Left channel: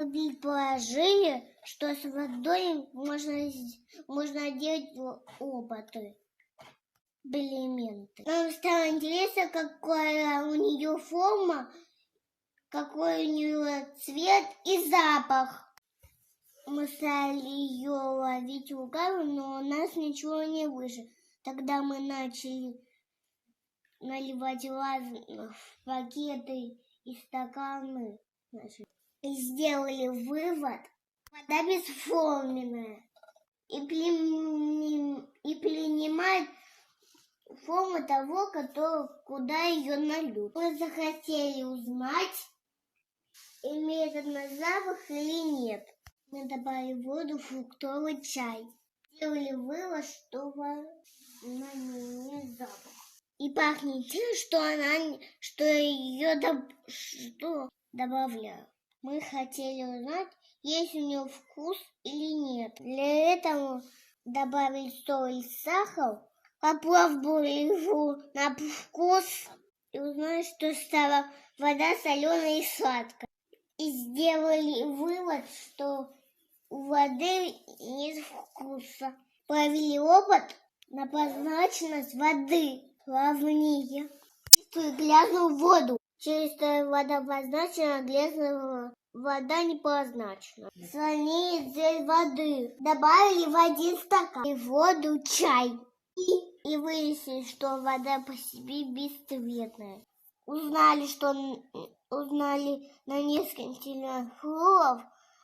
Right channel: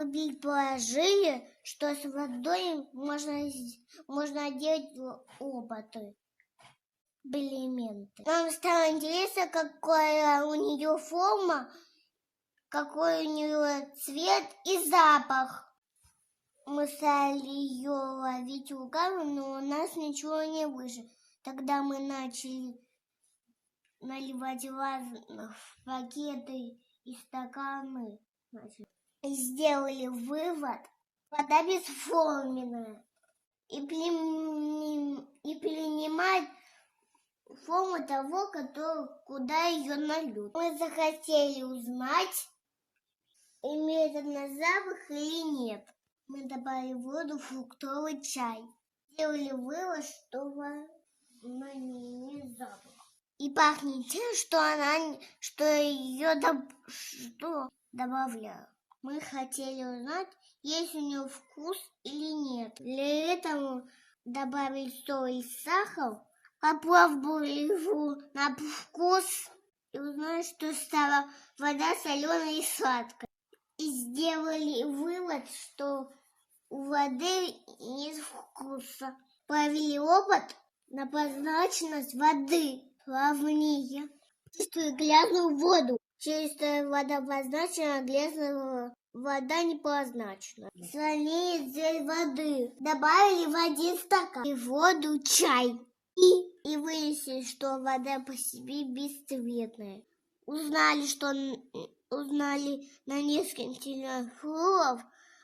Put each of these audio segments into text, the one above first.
Предположили, что с водой можно делать опыты, элементы. Нам стало интересно, какая у нее форма, какой у нее цвет и запах. Мы стали ее ловить руками, но у нас ничего не вышло. Тогда мы начали наливать в пакеты и стаканы. И сделали вывод: вода бесформенная и принимает форму того, куда ее нальют. Мы захотели узнать, имеет она запах или нет. Мы добавили в воду фруктовый чай. Сделали вывод, что она не имеет запаха. И пахнет тем, что ее добавляют. Мы хотели узнать, есть у нее вкус или нет. Для этого добавили соль и сахар, попробовали его на вкус и узнали, что стала вода соленая и сладкая. И сделали вывод, что у воды нет вкуса. Провели опыт на прозрачность воды плавнее. Чистую грязную воду. Чистая вода прозрачная, грязная вода непрозрачная. Сравнили цель воды. Добавили в 1 стакан и в воду чай. И выяснили, что вода по себе бесцветная. Узнали на несколько телефонов,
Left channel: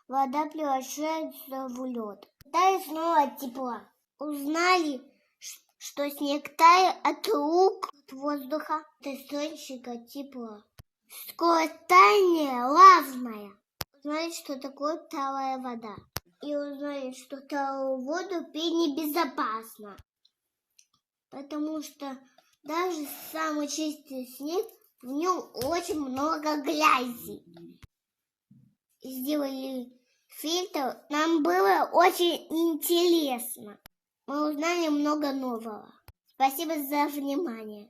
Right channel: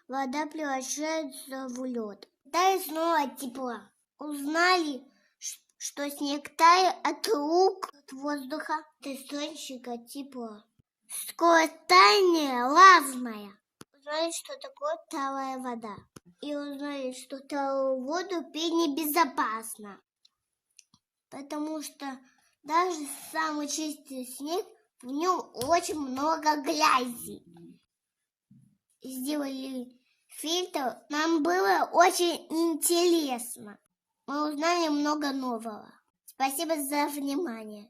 вода превращается в лед. Тает снова тепла. Узнали, что снег тает от рук, от воздуха, от источника тепла. Скорость таяния разная. Узнали, что такое талая вода. И узнали, что талую воду пить небезопасно. Потому что даже самый чистый снег, в нем очень много грязи. Сделали фильтр. Нам было очень интересно. Мы узнали много нового. Спасибо за внимание.